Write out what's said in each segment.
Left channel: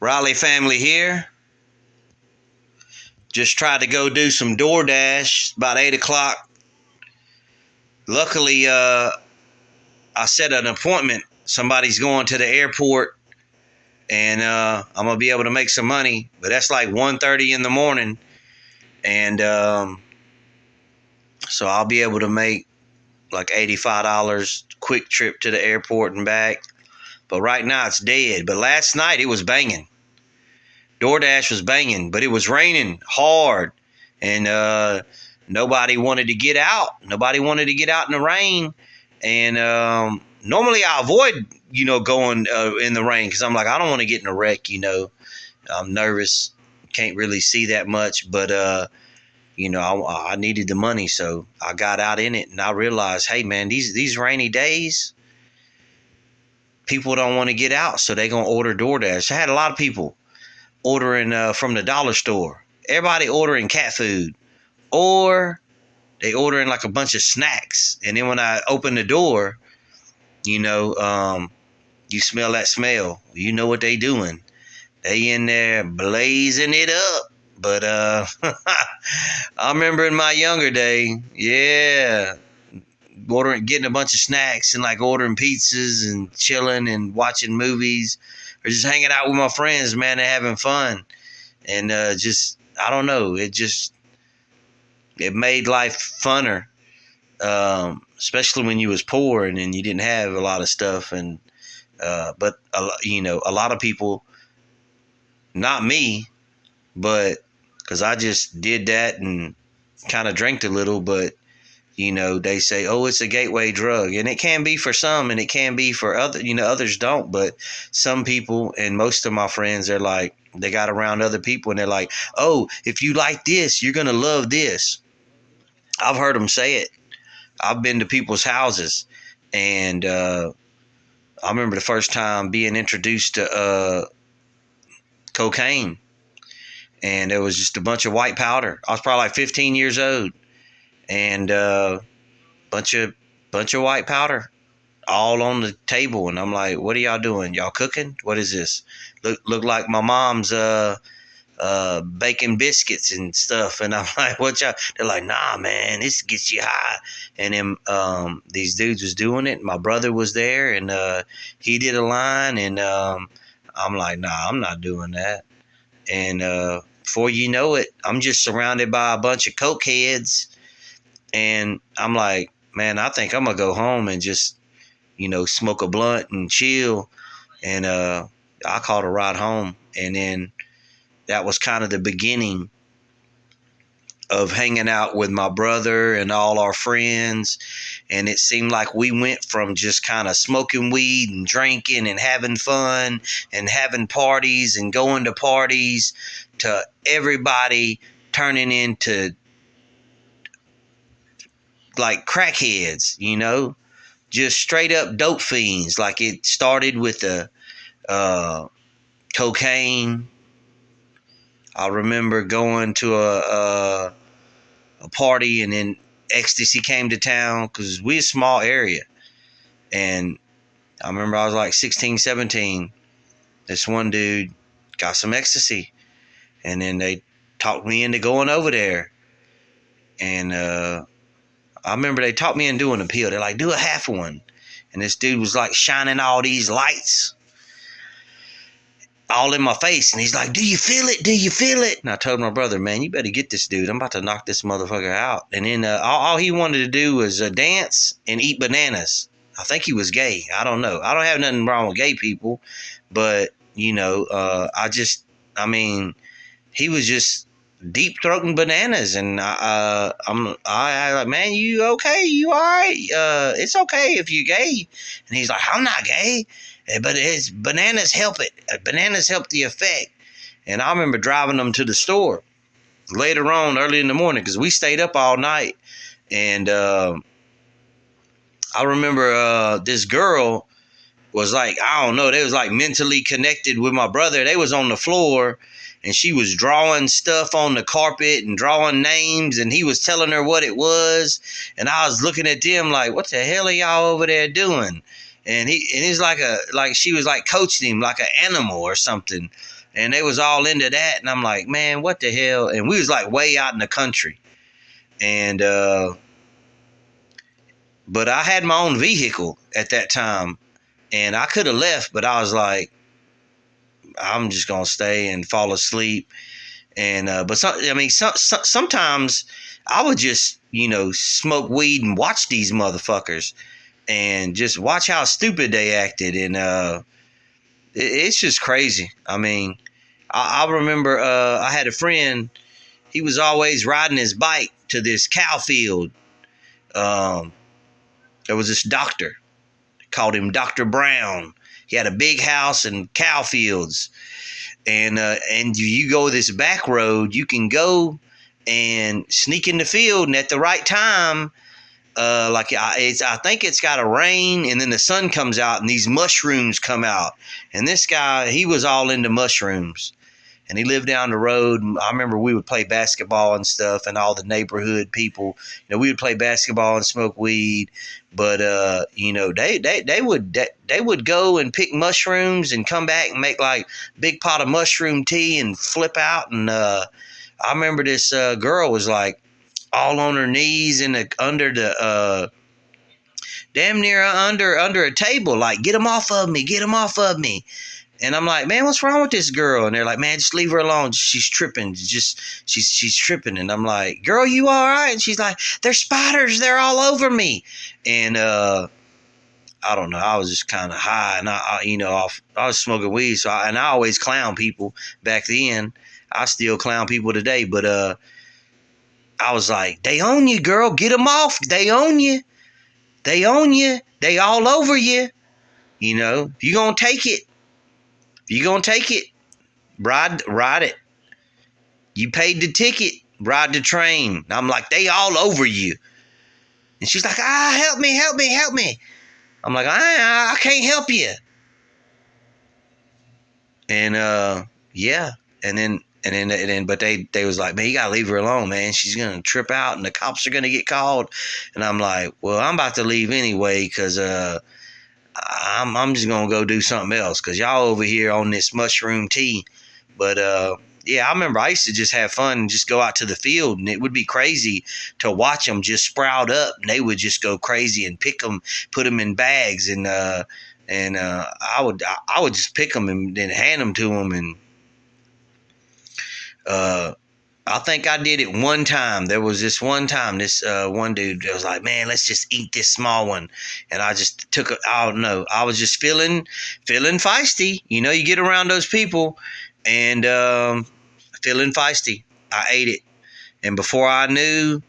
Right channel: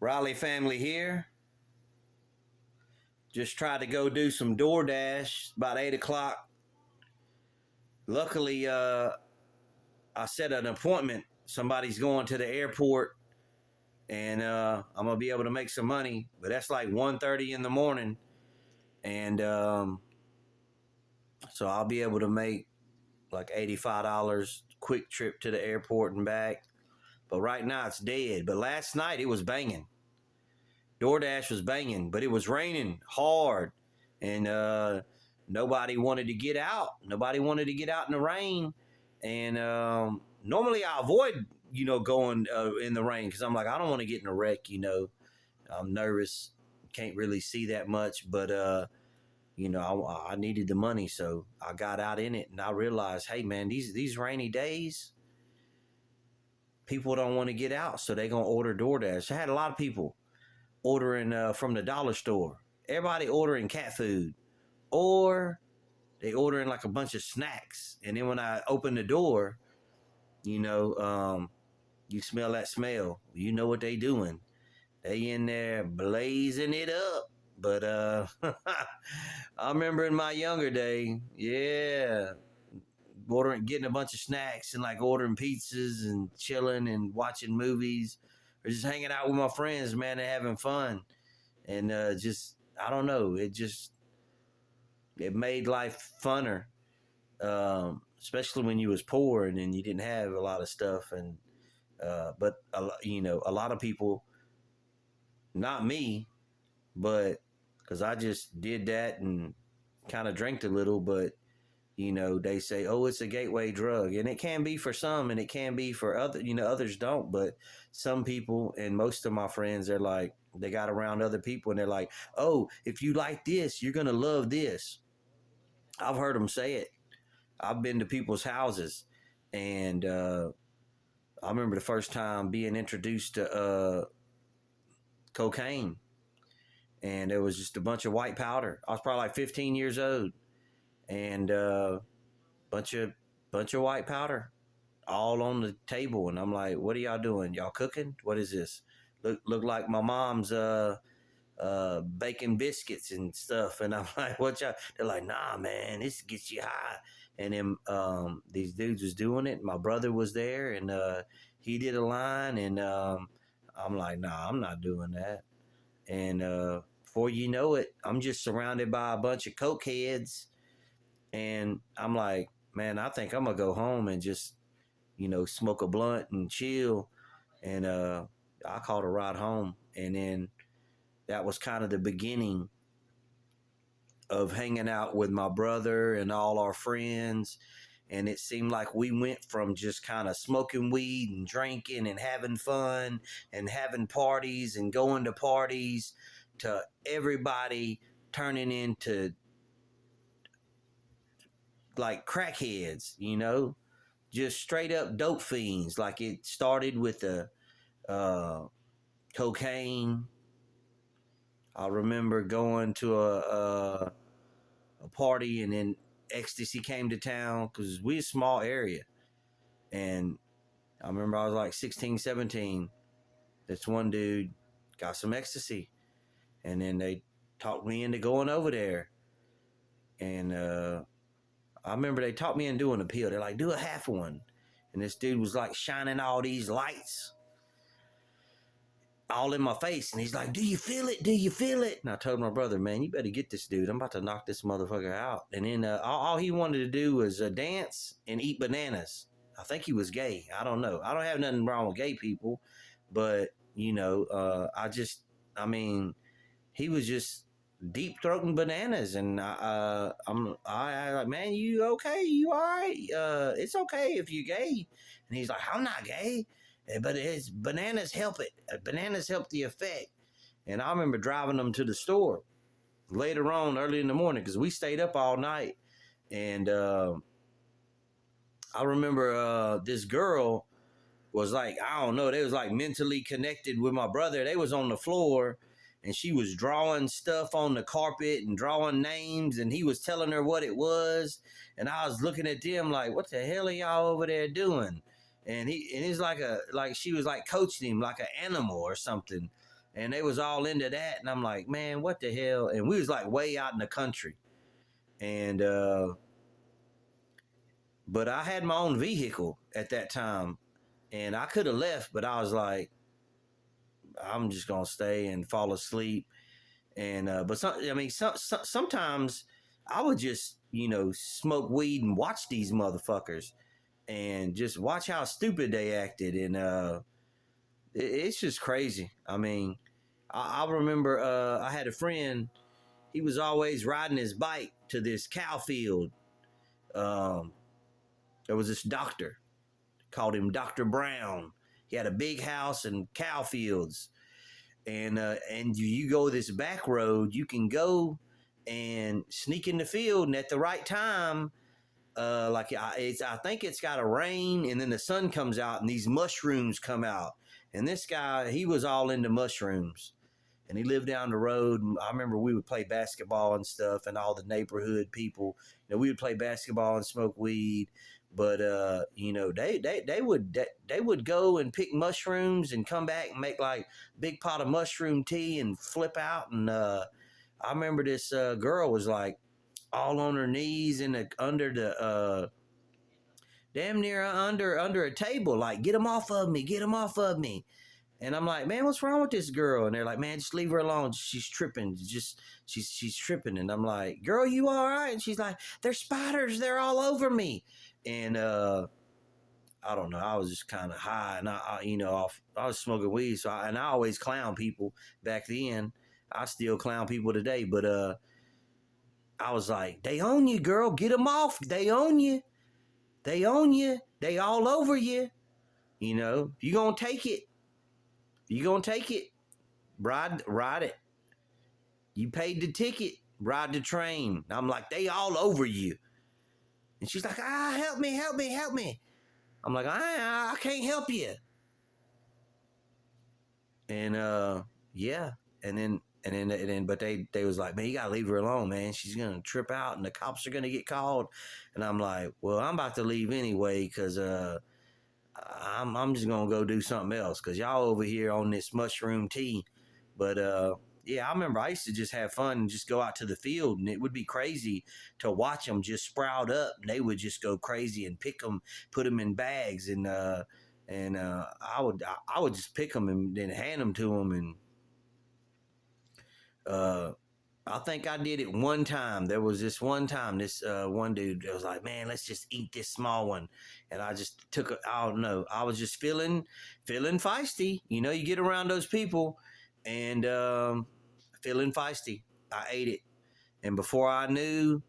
Riley family here. Just tried to go do some Doordash about 8 o'clock. Luckily, I set an appointment. Somebody's going to the airport, and I'm going to be able to make some money. But that's like 1:30 in the morning. And so I'll be able to make like $85 quick trip to the airport and back. But right now it's dead. But last night it was banging. Doordash was banging, but it was raining hard, and nobody wanted to get out. Nobody wanted to get out in the rain, and normally I avoid, going in the rain because I'm like, I don't want to get in a wreck. I'm nervous, can't really see that much, but I needed the money, so I got out in it, and I realized, hey man, these rainy days, people don't want to get out, so they're gonna order DoorDash. I had a lot of people ordering from the dollar store. Everybody ordering cat food, or they ordering like a bunch of snacks. And then when I open the door, you smell that smell. You know what they doing. They in there blazing it up. But I remember in my younger day, getting a bunch of snacks and like ordering pizzas and chilling and watching movies or just hanging out with my friends, man, and having fun. And I don't know, it made life funner, especially when you was poor and then you didn't have a lot of stuff. And but a lot of people, not me, but because I just did that and kind of drank a little, but they say, oh, it's a gateway drug, and it can be for some and it can be for others don't. But some people, and most of my friends, they're like, they got around other people and they're like, oh, if you like this, you're going to love this. I've heard them say it. I've been to people's houses, and I remember the first time being introduced to cocaine, and there was just a bunch of white powder. I was probably like 15 years old, and bunch of white powder all on the table. And I'm like, what are y'all doing? Y'all cooking? What is this? Look like my mom's baking biscuits and stuff. And I'm like, what y'all? They're like, nah, man, this gets you high. And then these dudes was doing it. My brother was there, and he did a line, and I'm like, nah, I'm not doing that. And before you know it, I'm just surrounded by a bunch of coke heads. And I'm like, man, I think I'm going to go home and just, smoke a blunt and chill. And I called a ride home. And then that was kind of the beginning of hanging out with my brother and all our friends. And it seemed like we went from just kind of smoking weed and drinking and having fun and having parties and going to parties to everybody turning into like crackheads, just straight up dope fiends. Like it started with the cocaine. I remember going to a party, and then ecstasy came to town because we're a small area. And I remember I was like 16, 17. This one dude got some ecstasy, and then they talked me into going over there. And I remember they talked me into doing a pill. They're like, do a half one. And this dude was like shining all these lights all in my face. And he's like, do you feel it? Do you feel it? And I told my brother, man, you better get this dude. I'm about to knock this motherfucker out. And then all he wanted to do was dance and eat bananas. I think he was gay. I don't know. I don't have nothing wrong with gay people. But, he was just deep throating bananas, and I'm like, man, you okay? You all right? It's okay if you're gay. And he's like, I'm not gay, but it's bananas help it. Bananas help the effect. And I remember driving them to the store later on, early in the morning, because we stayed up all night. And I remember this girl was like, I don't know, they was like mentally connected with my brother. They was on the floor, and she was drawing stuff on the carpet and drawing names, and he was telling her what it was. And I was looking at them like, what the hell are y'all over there doing? And he's like she was like coaching him like an animal or something. and they was all into that, and I'm like, man, what the hell? And we was like way out in the country, and but I had my own vehicle at that time, and I could have left, but I was like, I'm just gonna stay and fall asleep. And but sometimes I would just smoke weed and watch these motherfuckers and just watch how stupid they acted, and it's just crazy. I mean, I remember I had a friend. He was always riding his bike to this cow field. Um, there was this doctor, called him Dr. Brown. He had a big house and cow fields, and you go this back road. You can go and sneak in the field, and at the right time, I think it's got to rain, and then the sun comes out, and these mushrooms come out. And this guy, he was all into mushrooms, and he lived down the road. And I remember we would play basketball and stuff, and all the neighborhood people, we would play basketball and smoke weed. But they would go and pick mushrooms and come back and make like big pot of mushroom tea and flip out. And I remember this girl was like all on her knees under the damn near under a table, like, get him off of me, get him off of me. And I'm like, man, what's wrong with this girl? And they're like, man, just leave her alone. She's tripping. She's tripping. And I'm like, girl, you all right? And she's like, there's spiders. They're all over me. And I don't know. I was just kind of high, and I was smoking weed. So I always clown people back then. I still clown people today. But I was like, they own you, girl. Get them off. They own you. They own you. They all over you. You gonna take it. You gonna take it, ride it. You paid the ticket, ride the train. I'm like, they all over you. And she's like, help me. I'm like, I can't help you. And yeah, and then, but they was like, man, you gotta leave her alone, man. She's gonna trip out, and the cops are gonna get called. And I'm like, well, I'm about to leave anyway, cause I'm just gonna go do something else, because y'all over here on this mushroom tea. But yeah, I remember I used to just have fun and just go out to the field, and it would be crazy to watch them just sprout up, and they would just go crazy and pick them, put them in bags, and I would just pick them and then hand them to them. And I think I did it one time. There was this one time, this one dude was like, man, let's just eat this small one. And I just took I don't know. I was just feeling feisty. You get around those people, and feeling feisty. I ate it. And before I knew,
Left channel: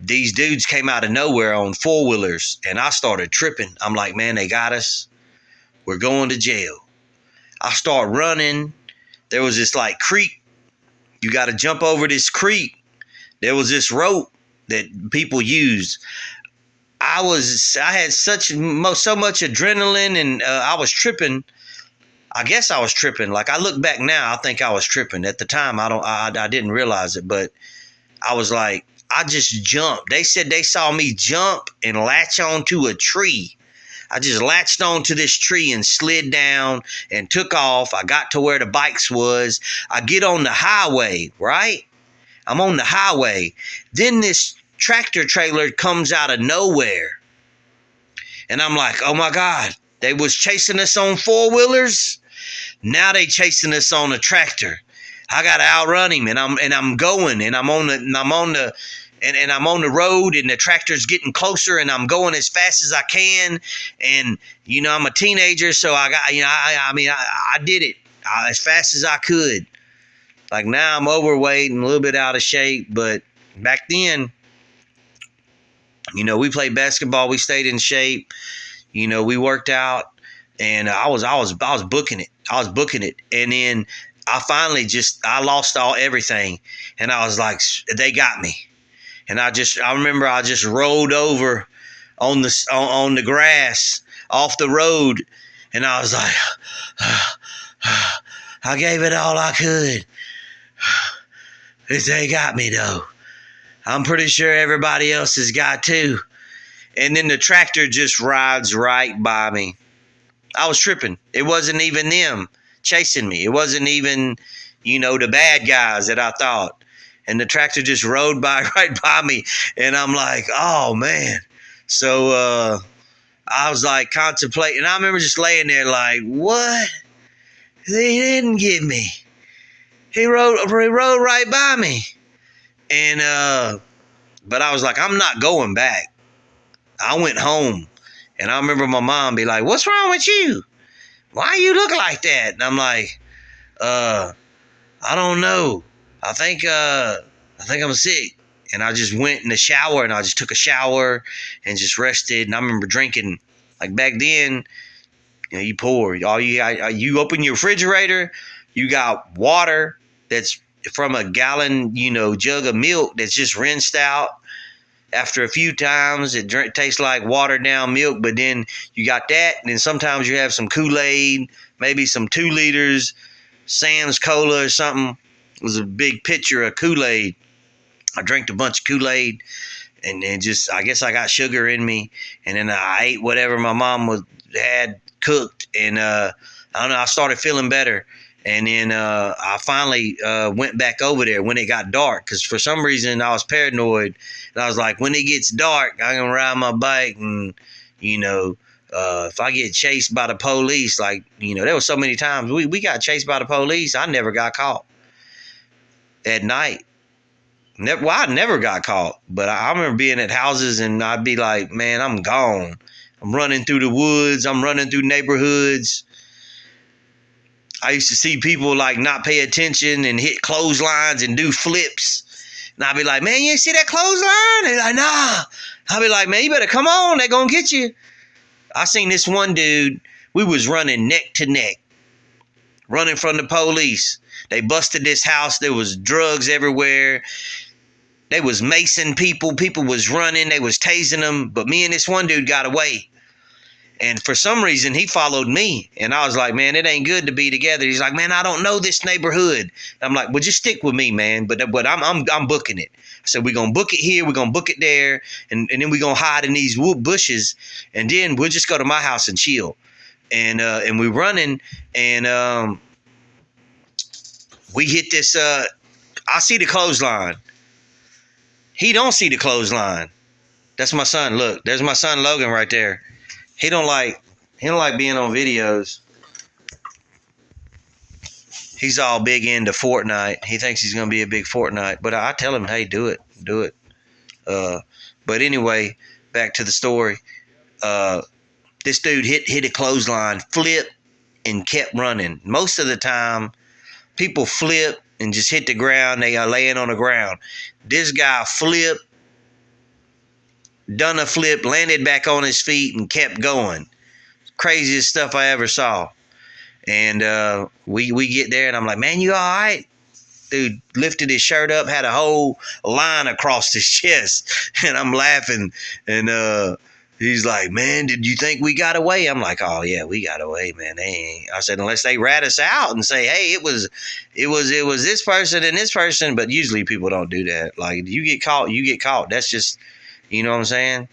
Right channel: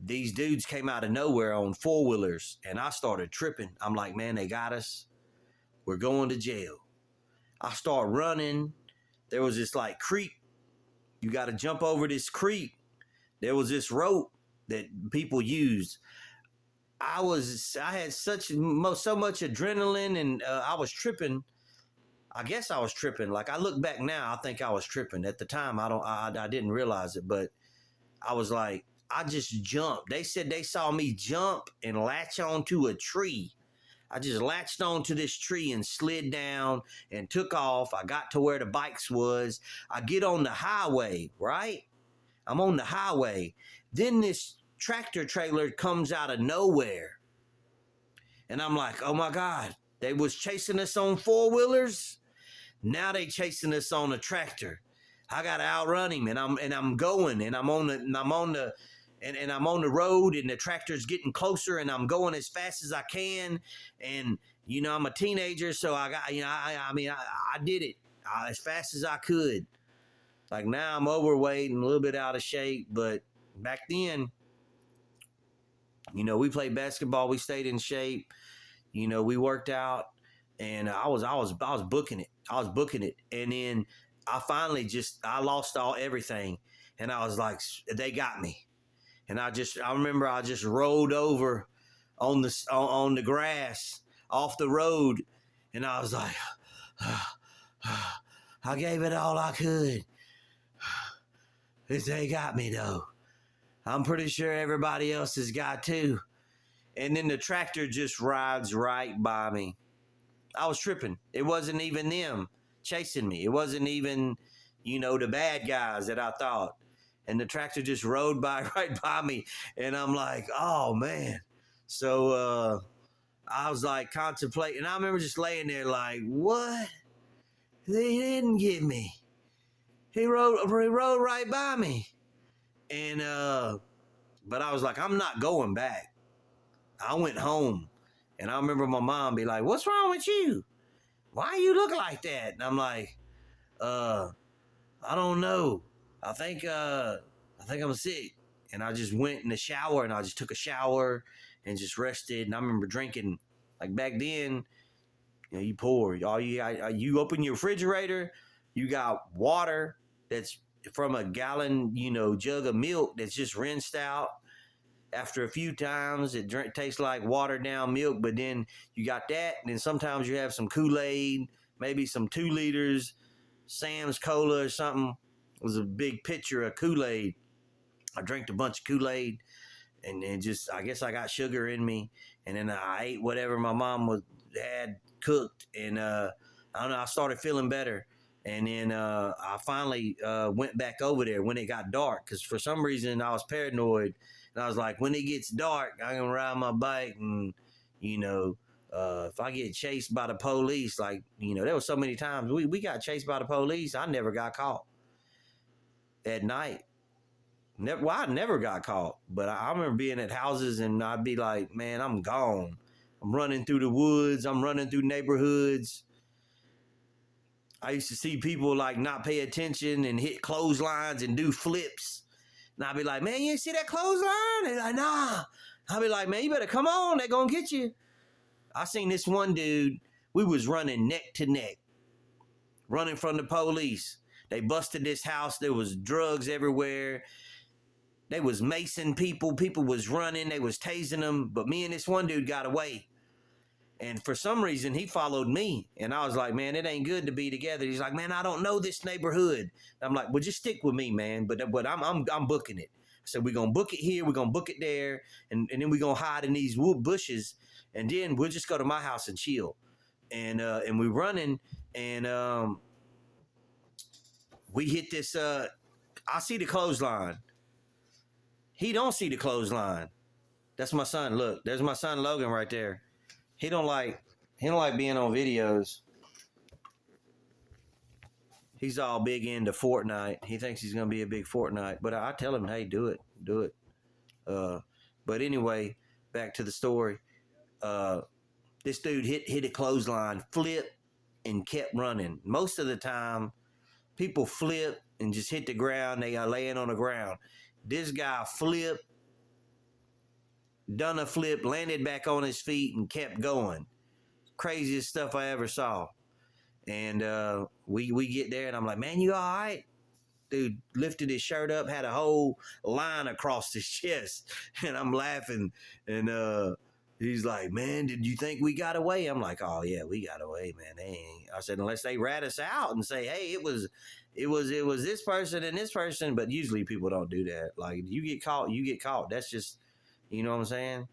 these dudes came out of nowhere on four-wheelers, and I started tripping. I'm like, man, they got us. We're going to jail. I start running. There was this like creek. You got to jump over this creek. There was this rope that people used. I had so much adrenaline, and I was tripping. I guess I was tripping. Like, I look back now, I think I was tripping. At the time, I didn't realize it, but I was like, I just jumped. They said they saw me jump and latch onto a tree. I just latched onto this tree and slid down and took off. I got to where the bikes was. I get on the highway, right? I'm on the highway. Then this tractor trailer comes out of nowhere. And I'm like, oh my God, they was chasing us on four-wheelers. Now they chasing us on a tractor. I gotta outrun him, and I'm going, and I'm on the road, and the tractor's getting closer, and I'm going as fast as I can. And I'm a teenager, so I got I did it as fast as I could. Like, now I'm overweight and a little bit out of shape, but back then, we played basketball, we stayed in shape, we worked out, and I was booking it. I was booking it, and then I finally I lost everything, and I was like, they got me. And I remember I just rolled over on the grass off the road, and I was like, I gave it all I could. They got me though. I'm pretty sure everybody else has got too. And then the tractor just rides right by me. I was tripping. It wasn't even them chasing me. It wasn't even, the bad guys that I thought. And the tractor just rode by right by me. And I'm like, oh, man. So I was like contemplating. I remember just laying there like, what? They didn't get me. He rode right by me. And but I was like, I'm not going back. I went home. And I remember my mom be like, what's wrong with you? Why you look like that? And I'm like, I don't know. I think I'm sick. And I just went in the shower and I just took a shower and just rested. And I remember drinking, like back then, you pour. You open your refrigerator, you got water that's from a gallon, jug of milk that's just rinsed out. After a few times, it tastes like watered down milk, but then you got that, and then sometimes you have some Kool-Aid, maybe some 2 liters, Sam's Cola or something. It was a big pitcher of Kool-Aid. I drank a bunch of Kool-Aid, and then just, I guess I got sugar in me, and then I ate whatever my mom had cooked, and I don't know, I started feeling better. And then I finally went back over there when it got dark, because for some reason I was paranoid. And I was like, when it gets dark, I'm going to ride my bike. And, if I get chased by the police, like, there were so many times we got chased by the police. I never got caught at night. I never got caught. But I remember being at houses and I'd be like, man, I'm gone. I'm running through the woods. I'm running through neighborhoods. I used to see people like not pay attention and hit clotheslines and do flips. And I'd be like, man, you ain't see that clothesline? They're like, nah. I'd be like, man, you better come on. They're going to get you. I seen this one dude. We was running neck to neck, running from the police. They busted this house. There was drugs everywhere. They was macing people. People was running. They was tasing them. But me and this one dude got away. And for some reason, he followed me. And I was like, man, it ain't good to be together. He's like, man, I don't know this neighborhood. I'm like, well, just stick with me, man. But I'm booking it. I said, we're going to book it here. We're going to book it there. And then we're going to hide in these wood bushes. And then we'll just go to my house and chill. And we're running. And we hit this. I see the clothesline. He don't see the clothesline. That's my son. Look, there's my son, Logan, right there. He don't like being on videos. He's all big into Fortnite. He thinks he's gonna be a big Fortnite. But I tell him, hey, do it. But anyway, back to the story. This dude hit a clothesline, flipped, and kept running. Most of the time, people flip and just hit the ground. They are laying on the ground. This guy flipped, done a flip, landed back on his feet, and kept going. Craziest stuff I ever saw. And we get there, and I'm like, man, you all right? Dude lifted his shirt up, had a whole line across his chest, and I'm laughing. And he's like, man, did you think we got away? I'm like, oh yeah, we got away, man. They ain't. I said, unless they rat us out and say, hey, it was this person and this person. But usually people don't do that. Like, you get caught, you get caught. That's just, you know what I'm saying?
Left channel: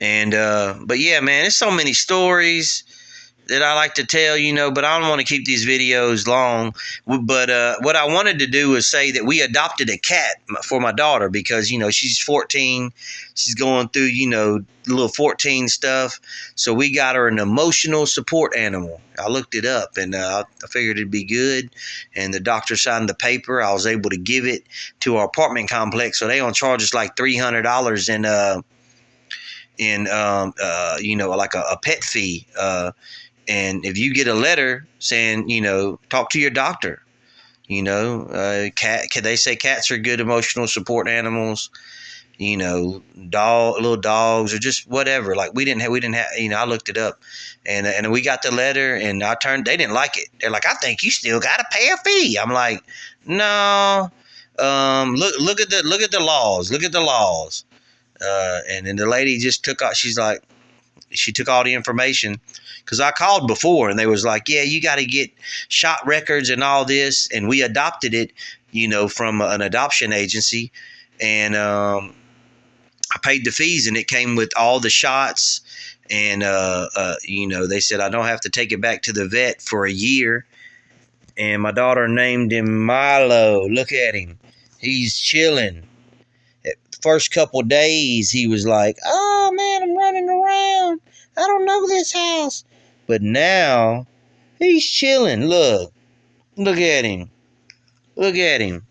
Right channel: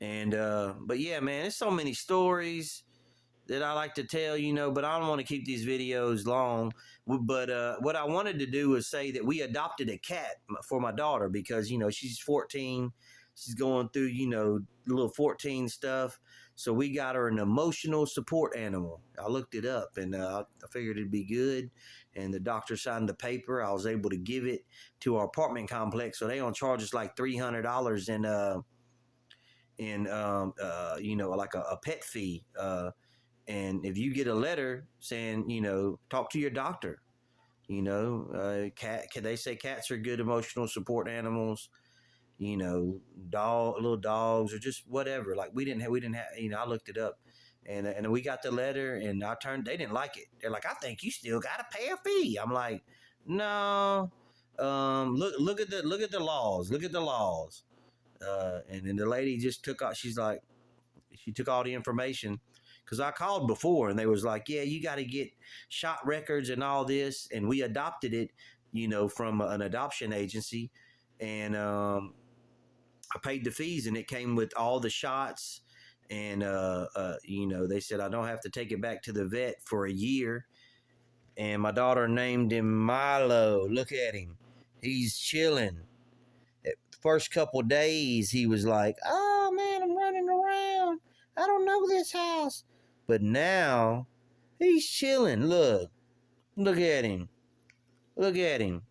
And but yeah, man, there's so many stories that I like to tell, but I don't want to keep these videos long. But what I wanted to do is say that we adopted a cat for my daughter because, she's 14. She's going through, little 14 stuff. So we got her an emotional support animal. I looked it up and I figured it'd be good. And the doctor signed the paper. I was able to give it to our apartment complex. So they gonna charge us like $300 in like a pet fee. And if you get a letter saying, talk to your doctor, they say cats are good emotional support animals, little dogs or just whatever. Like we didn't have, I looked it up and we got the letter and they didn't like it. They're like, I think you still got to pay a fee. I'm like, no, look at the laws. Look at the laws. And then the lady just took out, she took all the information because I called before and they was like, yeah, you got to get shot records and all this. And we adopted it, from an adoption agency. And I paid the fees and it came with all the shots And they said I don't have to take it back to the vet for a year. And my daughter named him Milo. Look at him, he's chilling. First couple days he was like, oh man, I'm running around, I don't know this house. But now he's chilling. Look at him. Look at him.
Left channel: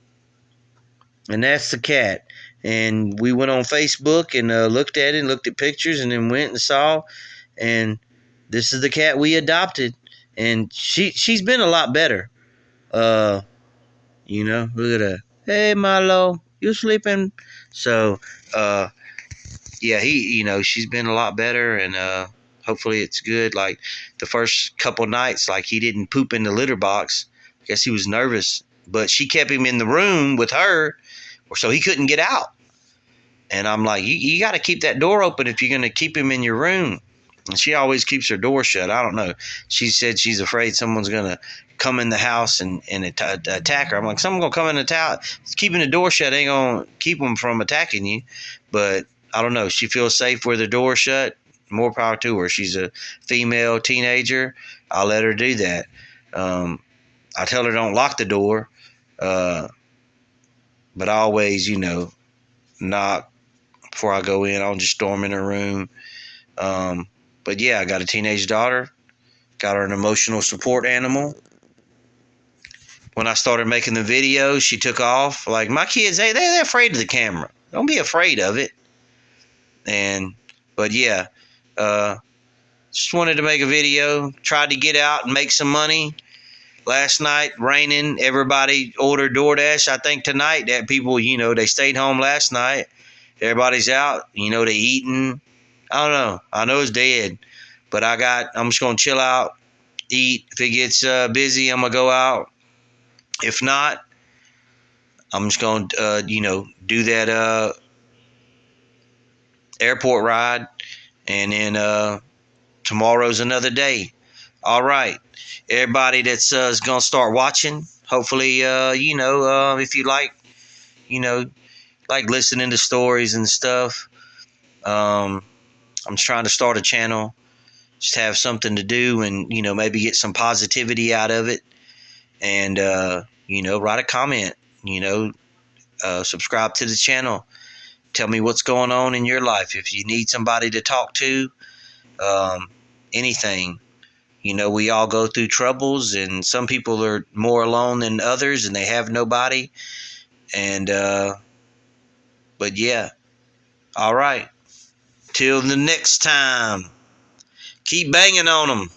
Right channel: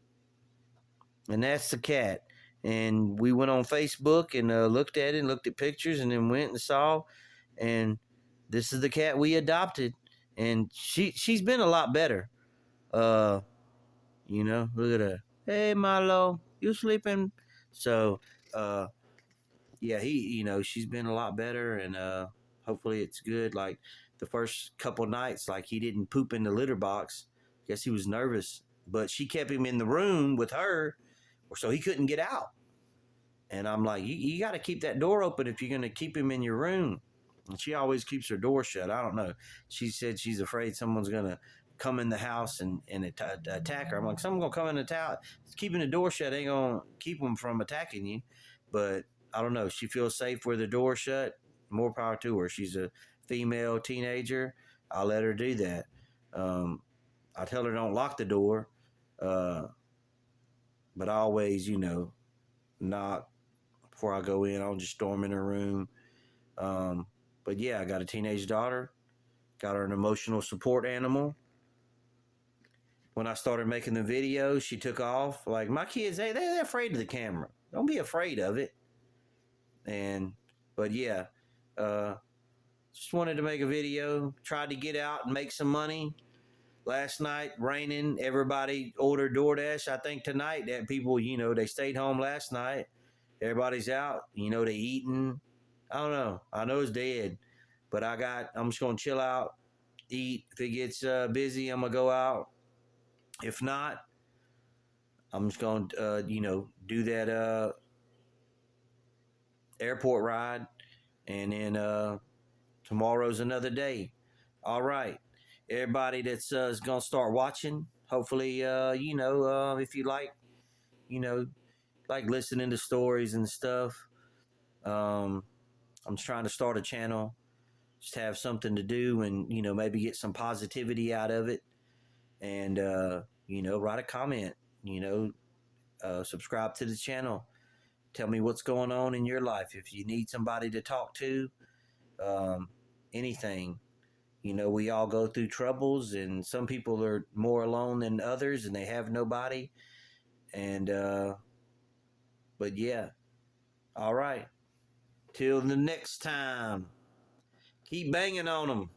And that's the cat. And we went on Facebook and looked at it, looked at pictures, and then went and saw. And this is the cat we adopted. And she's been a lot better. Look at her. Hey, Milo, you sleeping? So, yeah, she's been a lot better, and hopefully it's good. Like the first couple nights, like he didn't poop in the litter box. I guess he was nervous, but she kept him in the room with her, so he couldn't get out. And I'm like, you got to keep that door open if you're going to keep him in your room. And she always keeps her door shut. I don't know. She said she's afraid someone's going to come in the house and attack her. I'm like, someone's going to come in the house. Keeping the door shut ain't going to keep them from attacking you. But I don't know. She feels safe with the door shut. More power to her. She's a female teenager. I'll let her do that. I tell her don't lock the door. But I always, knock before I go in. I'll just storm in her room. But yeah, I got a teenage daughter. Got her an emotional support animal. When I started making the videos, she took off. Like my kids, they're afraid of the camera. Don't be afraid of it. But yeah, just wanted to make a video. Tried to get out and make some money. Last night, raining. Everybody ordered Doordash. I think tonight that people, they stayed home last night. Everybody's out. They eating. I don't know. I know it's dead, but I'm just gonna chill out, eat. If it gets busy, I'm gonna go out. If not, I'm just gonna do that airport ride, and then tomorrow's another day. All right, everybody that's is gonna start watching. Hopefully, if you you know, like listening to stories and stuff. I'm just trying to start a channel, just have something to do, and maybe get some positivity out of it. And write a comment. Subscribe to the channel. Tell me what's going on in your life. If you need somebody to talk to, anything. We all go through troubles, and some people are more alone than others, and they have nobody. And but yeah, all right. Till the next time, keep banging on them.